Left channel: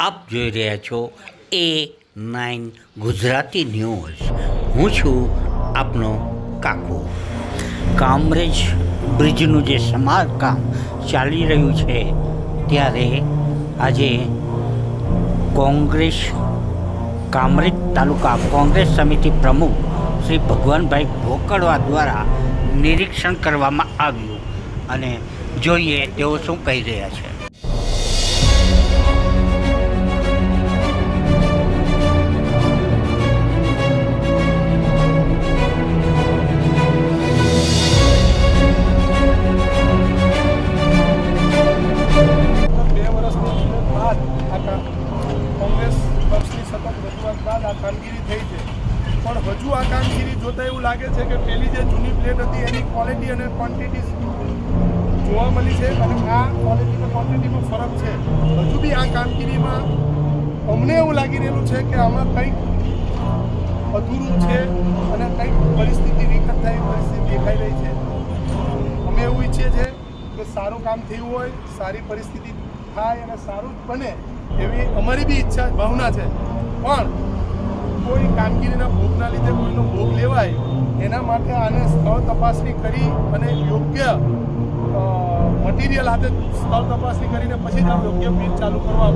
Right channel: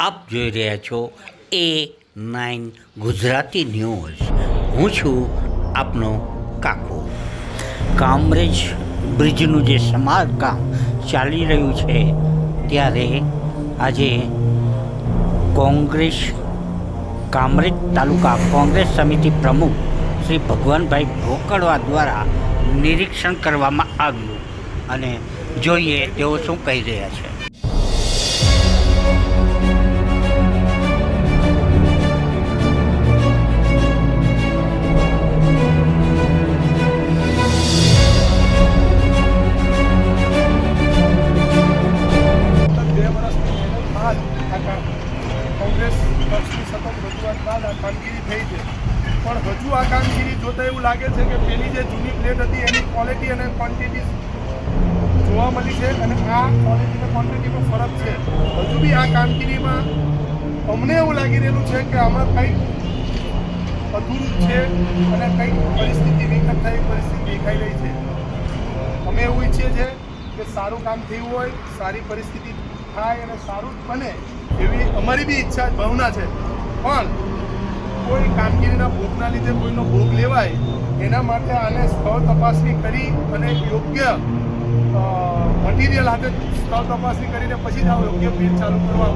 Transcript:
આપ જોઈ રહ્યા છો એ નાઇન ગુજરાતી ન્યૂઝ. હું છું આપનો કાકો. કામરેજ બ્રિજનું જે સમારકામ ચાલી રહ્યું છે, ત્યારે આજે કોંગ્રેસ, કામરેજ તાલુકા કોંગ્રેસ સમિતિ પ્રમુખ શ્રી ભગવાનભાઈ ભોકડવા દ્વારા નિરીક્ષણ કરવામાં આવ્યું. અને જોઈએ તેઓ શું કહી રહ્યા છે. આ કોંગ્રેસ પક્ષની સતત રજૂઆત બાદ આ કામગીરી થઈ છે. પણ હજુ આ કામગીરી જોતા એવું લાગે છે કે પેલી જે જૂની પ્લેટ હતી એની ક્વોલિટી અને ક્વોન્ટિટી જોવા મળી છે અને આ ક્વોલિટી ક્વોન્ટિટીમાં ફરક છે. હજુ બી આ કામગીરીમાં અમને એવું લાગી રહેલું છે કે આમાં કંઈક અધૂરું છે અને કંઈક પરિસ્થિતિ વિકટ થાય પરિસ્થિતિ દેખાઈ રહી છે. અમે એવું ઈચ્છીએ છીએ કે સારું કામ થયું હોય, સારી પરિસ્થિતિ થાય અને સારું બને એવી અમારી બી ઈચ્છા, ભાવના છે. પણ કોઈ કામગીરીના ભોગના લીધે કોઈનો ભોગ લેવાય, એના માટે આને સ્થળ તપાસણી કરી અને યોગ્ય મટીરિયલ હાથે સ્થળ તપાસણી કરીને પછી જ આ યોગ્ય બિલ ચાલુ કરવા